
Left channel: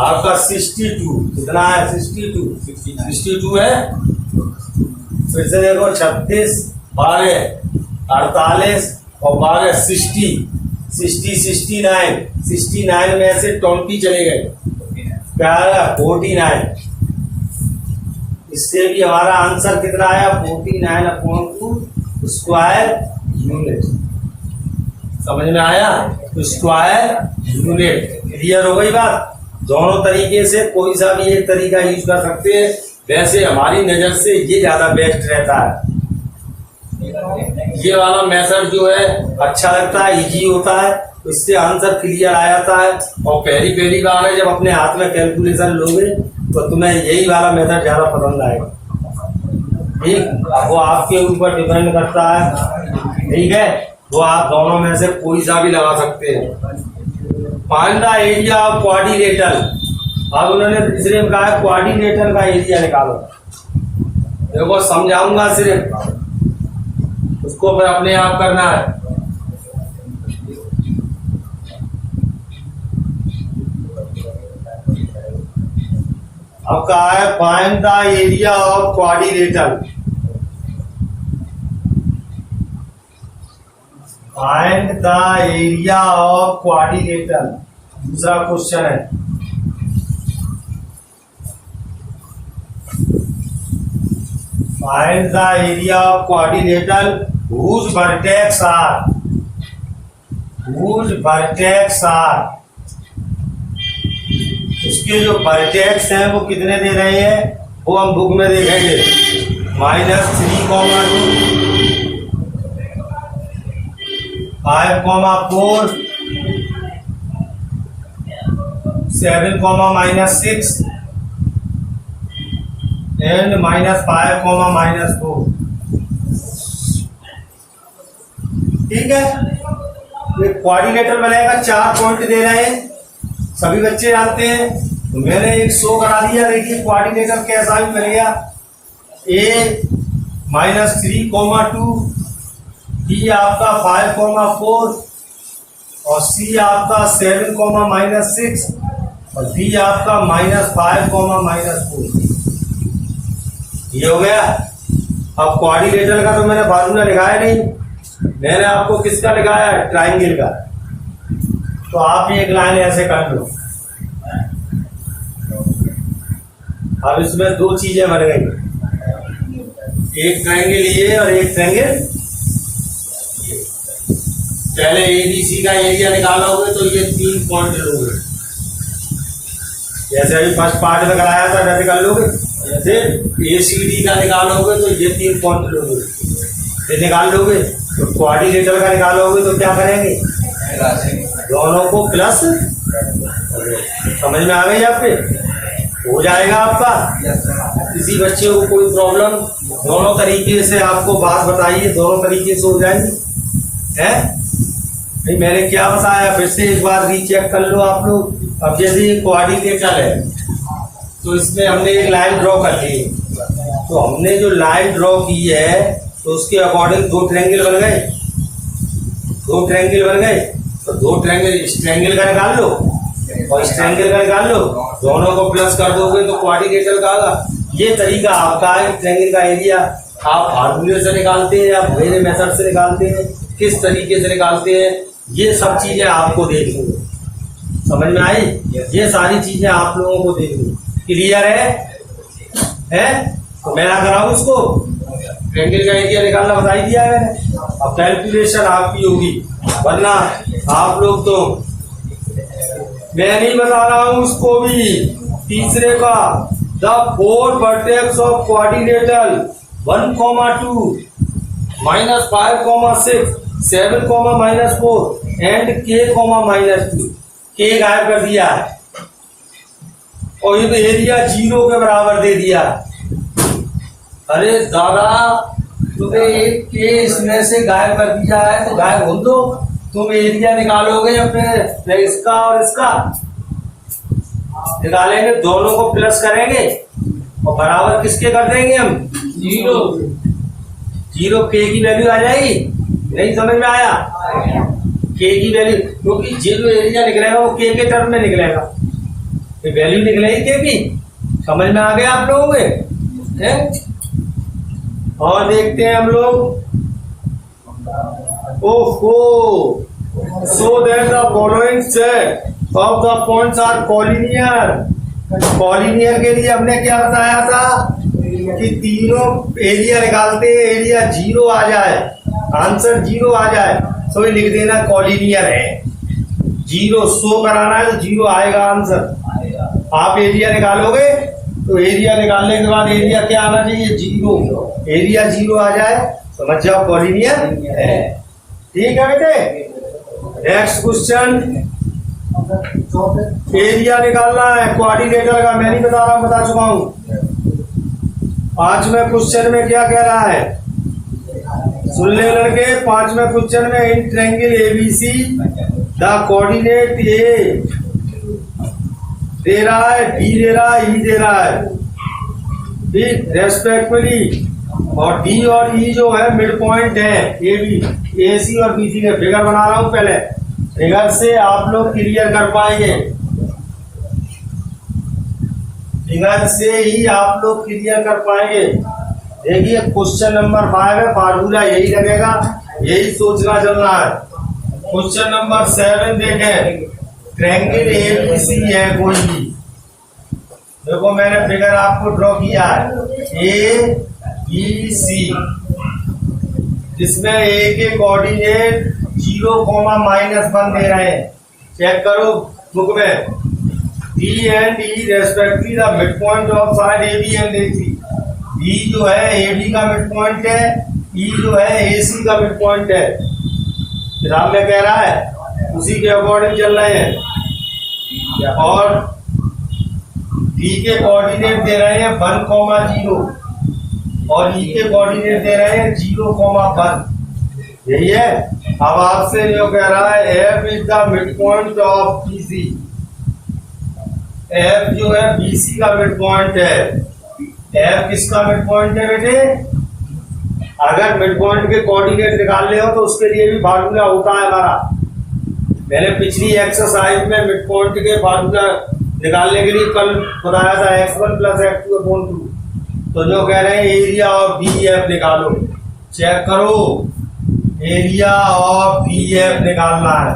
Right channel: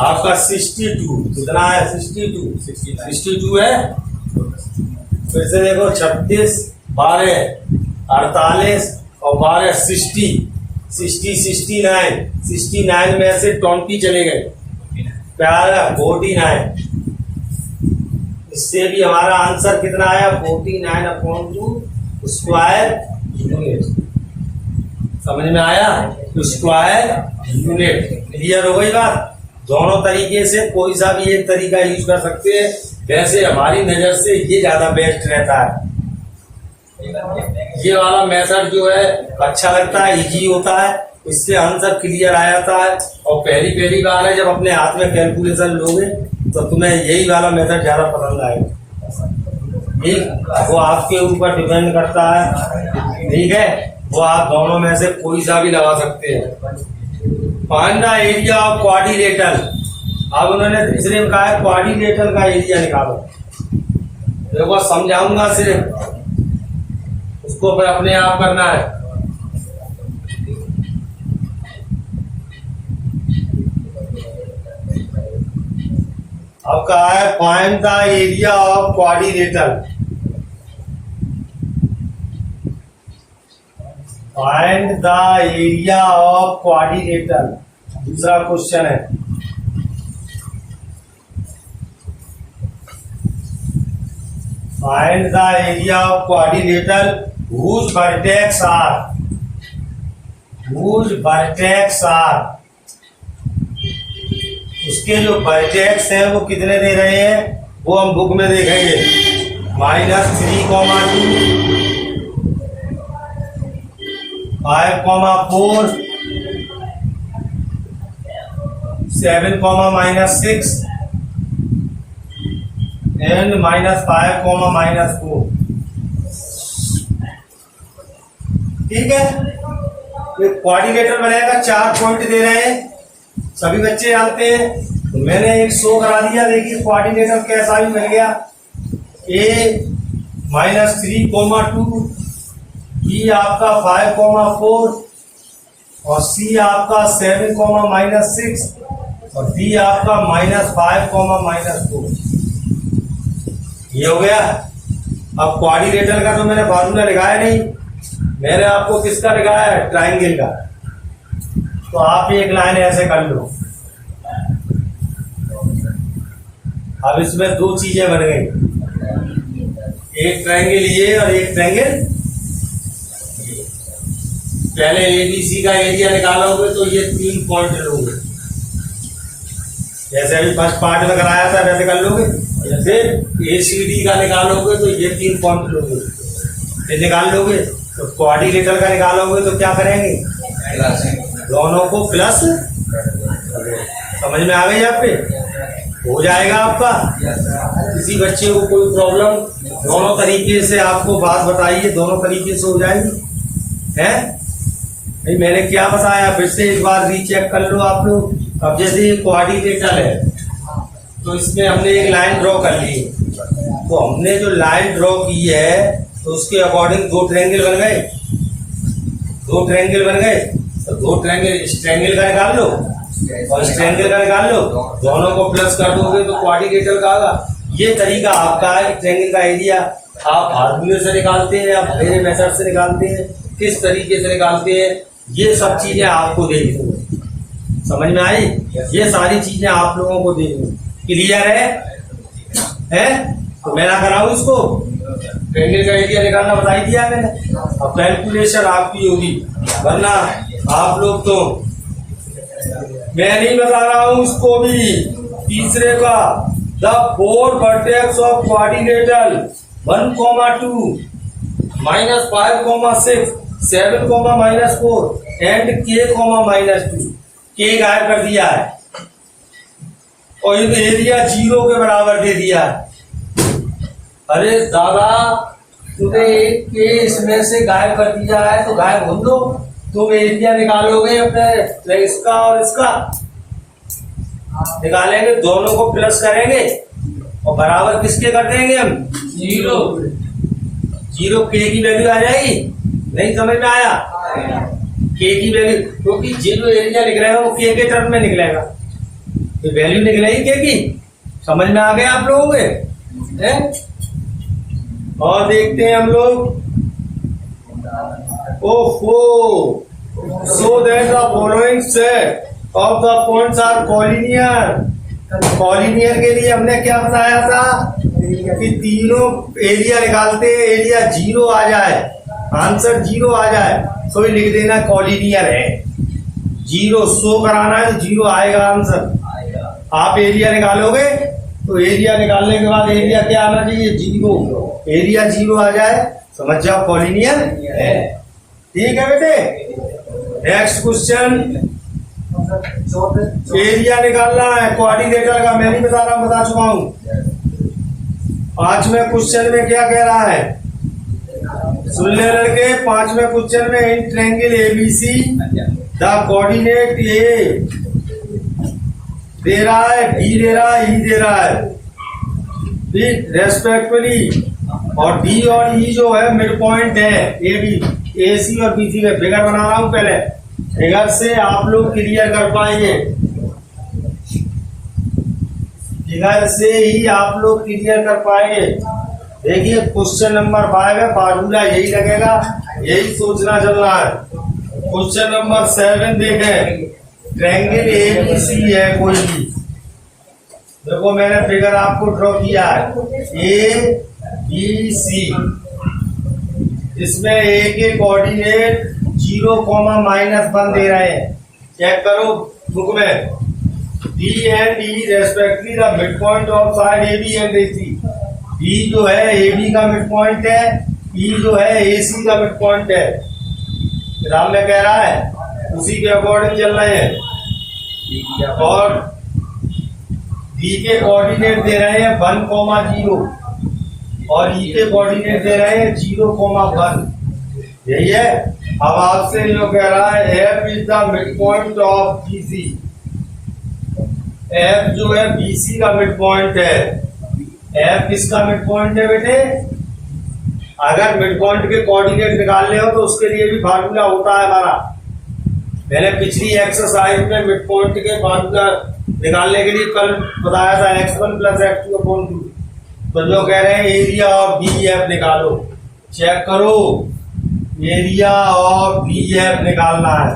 आपका 62। कितना है? 62 है। फिर से देखो 36, 12, 48 और 12 60, 69 में से 20 चले गए, 49। इससे भी हमारा आंसर कितना आया? 49/2 स्क्वायर यूनिट। समझ में आया? तो स्क्वायर यूनिट। क्लियर हो गई बात? दोनों तरीके से कोई सा भी एक तरीका यूज कर सकते हैं। वैसे हमारी नजर से ये ज्यादा बेस्ट रहता है। ये वाला मेथड जो है अच्छा लगता है, इजी होता है, इससे आंसर क्लियर आ जाता है। और पहली बार है जब अपने हाथ में कैलकुलेशन लोगे तो तुम्हें यही वाला मेथड ज्यादा पसंद आएगा। ठीक, वो आपके ऊपर डिपेंड करता है। ठीक है, वो आप दोनों में से कोई सा भी लगा सकते हैं। Find the area of quadrilateral. अब उन्होंने तीसरे में कहा है क्वाड्रिलेटरल का एरिया निकालो। देखो समझाऊंगा सिर्फ, उसको फिर अपने आप करना है। अब कहा है find the area of quadrilateral. Find the area of quadrilateral दूसरा क्वेश्चन है। Find the area of quadrilateral whose vertex are उसके जो वर्टेक्स हैं वो कितने दे रहे हैं वो हम बुक में देखेंगे। -3, 2, 5, 4, 7, -6 एंड -5, -4। ठीक है, ये क्वाड्रिलेटरल बनेगा। 4 पॉइंट दे रहे हैं, सभी बच्चे जानते हैं। तो मैंने एक शो करा दिया। देखिए क्वाड्रिलेटरल कैसा भी बन गया। A -3, 2, B आपका 5, 4 और C आपका 7, -6 और D आपका -5, -4। ये हो गया। अब क्वाड्रिलेटरल का तो मैंने फार्मूला लिखाया नहीं, मैंने आपको किसका लिखाया है? ट्राइंगल का। तो आप एक लाइन ऐसे कर लो। अब इसमें 2 चीजें बन गई, एक ट्राइंगल ये और एक ट्राइंगल। पहले ABC का एरिया निकालोगे तो ये 3 पॉइंट लोगे, जैसे अभी फर्स्ट पार्ट में कराया था वैसे कर लोगे। फिर ACD का निकालोगे तो ये 3 पॉइंट लोगे, फिर निकाल लोगे। तो क्वाड्रिलेटरल का निकालोगे तो क्या करेंगे? दोनों को प्लस। समझ में आ गई? आप पे हो जाएगा आपका। किसी बच्चे को कोई प्रॉब्लम, दोनों तरीके से आपको बात बताइए, दोनों तरीके से हो जाएगी। है नहीं? मैंने क्या बताया फिर से एक बार रीचेक कर लो आप लोग। अब जैसे ये क्वाड्रिलेटरल है तो इसमें हमने एक लाइन ड्रॉ कर ली। तो हमने जो लाइन ड्रॉ की है तो उसके अकॉर्डिंग 2 ट्रायंगल बन गए। 2 ट्रायंगल बन गए तो 2 ट्रायंगल इस ट्रायंगल का निकाल लो और इस ट्रायंगल का निकाल लो, दोनों को प्लस कर दोगे तो क्वाड्रिलेटरल का आएगा। ये तरीका आपका है। ट्रायंगल का एरिया आप फार्मूले से निकालते हैं या मेरे मेथड से निकालते हैं, किस तरीके से निकालते हैं, ये सब चीजें आपको देखनी है। समझ में आई? ये सारी चीजें आप लोगों को देखनी। क्लियर है? तो मैं ना कराऊं इसको? ट्रायंगल का एरिया निकालना बता ही दिया है। अब कैलकुलेशन आपकी होगी, वरना आप लोग तो, मैं नहीं बता रहा हूं उसको भी। तीसरे का the 4 vertex of quadrilateral 1, 2 -5, 6 7, -4 and K, -2। K गायब कर दिया है और ये तो एरिया 0 के बराबर दे दिया। अरे दादा, तुमने एक के इसमें से गायब कर दिया है तो गायब हो दो। तुम एरिया निकालोगे अपने इसका और इसका निकालेंगे, दोनों को प्लस करेंगे और बराबर किसके कर देंगे हम? जीरो जीरो के की वैल्यू आ जाएगी, नहीं समझ में आया? के की वैल्यू, क्योंकि जो एरिया निकलेगा वो के टर्म में निकलेगा, तो वैल्यू निकलेगी के की। समझ में आ गया आप लोगों के हैं? और देखते हैं हम लोग। ओहो, so that the following set of the points are collinear. Collinear के लिए हमने क्या बताया था कि तीनों एरिया निकालते, एरिया जीरो आ जाए, आंसर जीरो आ जाए तो ये लिख देना कॉलिनियर है। जीरो शो कराना है तो जीरो आएगा आंसर। आप एरिया निकालोगे तो एरिया निकालने के बाद एरिया क्या आना चाहिए? जीरो। एरिया जीरो आ जाए समझ जाओ कॉलिनियर है। ठीक है बेटे। नेक्स्ट क्वेश्चन, एरिया निकालना है क्वाड्रिलेटरल का, मैं नहीं बता रहा, बता चुका हूं। पांचवें क्वेश्चन में क्या कह रहा है? सुन ले लड़के, पांचवें क्वेश्चन में in triangle ABC the coordinate A दे रहा है, डी दे रहा है, ई दे रहा है, ठीक, रेस्पेक्टिवली। और डी और ई जो है मिड पॉइंट है ए बी, ए सी और बी सी में। फिगर बना रहा हूं पहले, फिगर से आप लोग क्लियर कर पाएंगे, फिगर से ही आप लोग क्लियर कर पाएंगे। देखिए क्वेश्चन नंबर 5 है, फार्मूला यही लगेगा, यही सोचना चलना है। क्वेश्चन नंबर 7 देखें, ट्रायंगल एबीसी है कोई भी। देखो मैंने फिगर आपको ड्रॉ किया है, ए बी सी, जिसमें ए के कोऑर्डिनेट 0,-1 दे रहे हैं। चेक करो बुक में। D and E respectively the mid point of side A B and A C. D जो है ए बी का मिड पॉइंट है, ई जो है ए सी का मिड पॉइंट है। किताब में कह रहा है, उसी के अकॉर्डिंग चल रहे हैं। और डी के कोऑर्डिनेट दे रहे हैं 1,0 और ई के कोऑर्डिनेट दे रहे हैं 0,1। यही है। अब आपसे जो कह रहा है, F is the mid point of B C. F जो है बीसी का मिड पॉइंट है। एफ किसका मिड पॉइंट है बेटे? अगर मिड पॉइंट के कोऑर्डिनेट निकालने हो तो उसके लिए भी फार्मूला होता है हमारा। मैंने पिछली एक्सरसाइज में मिड पॉइंट के फार्मूला निकालने के लिए कल बताया था, x1 + x2/2। तो जो कह रहे हैं एरिया ऑफ बी एफ निकालो। चेक करो, एरिया ऑफ बी एफ निकालना है।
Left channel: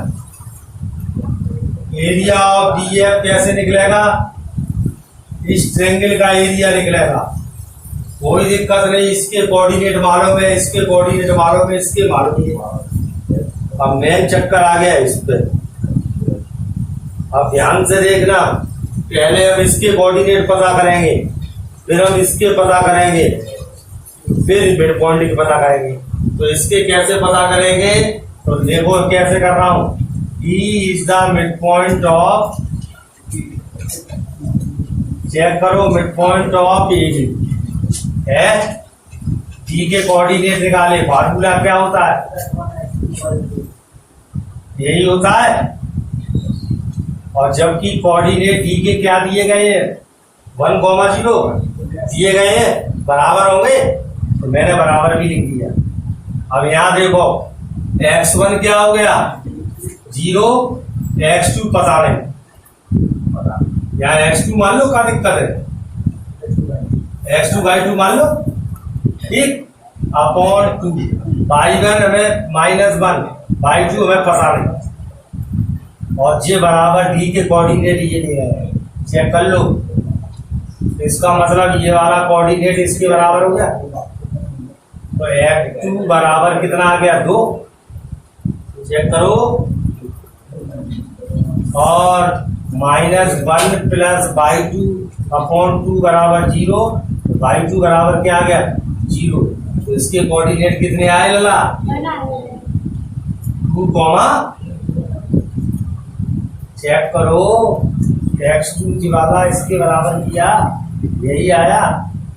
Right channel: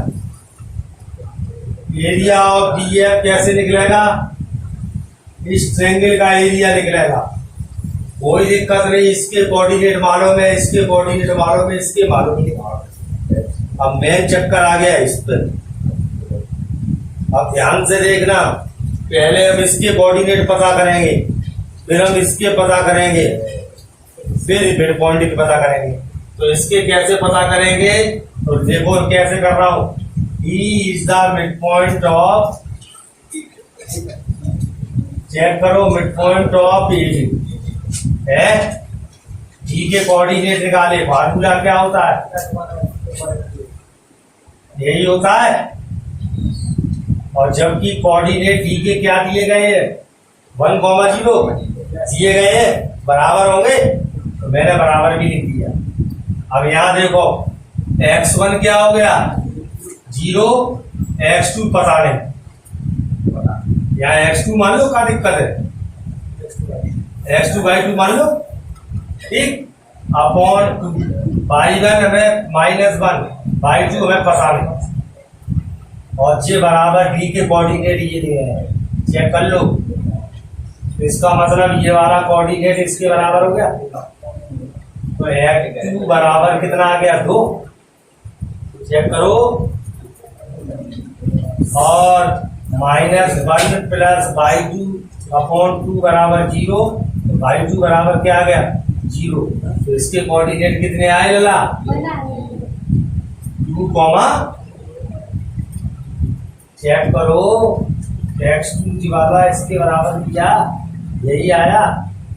एरिया ऑफ बी एफ कैसे निकलेगा? इस ट्रायंगल का एरिया निकलेगा, कोई दिक्कत नहीं। इसके कोऑर्डिनेट मालूम है, इसके कोऑर्डिनेट मालूम है, इसके मालूम है। अब मेन चक्कर आ गया इस पे। अब ध्यान से देखना, पहले हम इसके कोऑर्डिनेट पता करेंगे, फिर हम इसके पता करेंगे, फिर मिड पॉइंट की पता करेंगे। तो इसके कैसे पता करेंगे? तो देखो कैसे कर रहा हूं। E is the mid point of, check करो, mid point of A B है। डी के कोऑर्डिनेट निकाले, फार्मूला क्या होता है? यही होता है। और जबकि कोऑर्डिनेट डी के क्या दिए गए हैं? 1,0 दिए गए हैं, बराबर होंगे, तो मैंने बराबर भी लिख दिया। अब यहां देखो, x1 क्या हो गया? 0, x2 पता नहीं, यहाँ x2 मान लो, क्या दिक्कत है? x2/2 मान लो, ठीक, अपॉन 2। y1 हमें -1/2 हमें पता नहीं। और ये बराबर डी के कोऑर्डिनेट ये दे रहे हैं, चेक कर लो। इसका मतलब ये वाला कोऑर्डिनेट इसके बराबर हो गया। तो x2 बराबर कितना आ गया? 2। चेक करो। और -1 + y2/2 बराबर 0। तो y2 बराबर क्या आ गया? 0। तो इसके कोऑर्डिनेट कितने आए लला? 2, चेक करो। x2 वाला इसके बराबर किया, यही आया।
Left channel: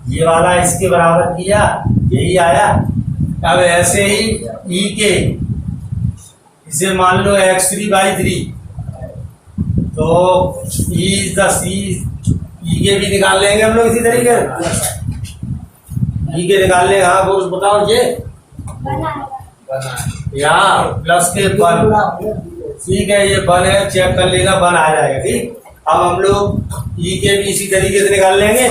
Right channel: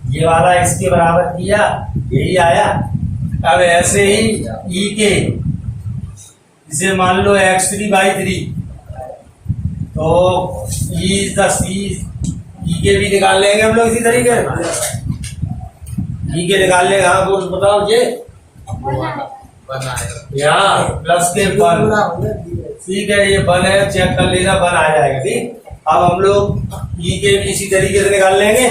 ये वाला इसके बराबर किया, यही आया। अब ऐसे ही ई के, इसे मान लो x3/3, तो ई के भी निकाल लेंगे हम लोग इसी तरीके। ई के निकालने का वो बताओ जे यहाँ प्लस के 1, ठीक है, ये 1 है, चेक कर लेना 1 आ जाएगा। ठीक, अब हम लोग ई के भी इसी तरीके से निकाल लेंगे,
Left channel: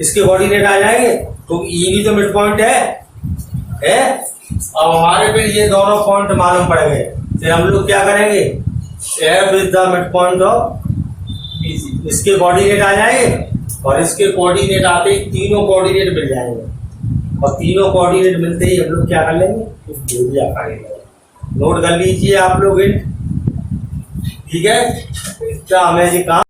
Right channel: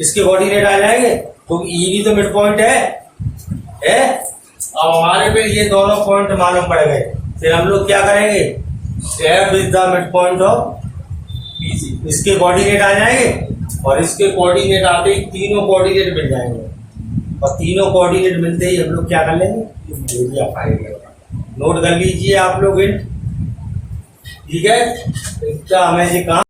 इसके कोऑर्डिनेट आ जाएंगे, तो ई भी तो मिड पॉइंट है। अब हमारे पे ये दोनों पॉइंट मालूम पड़ गए, फिर हम लोग क्या करेंगे, F is the mid point of BC, इसके कोऑर्डिनेट आ जाएंगे और इसके कोऑर्डिनेट आते ही तीनों कोऑर्डिनेट मिल जाएंगे, और तीनों कोऑर्डिनेट मिलते ही हम लोग क्या कर लेंगे, एरिया पाएंगे। नोट कर लीजिए आप लोग, ठीक है, इसका हमें ये काम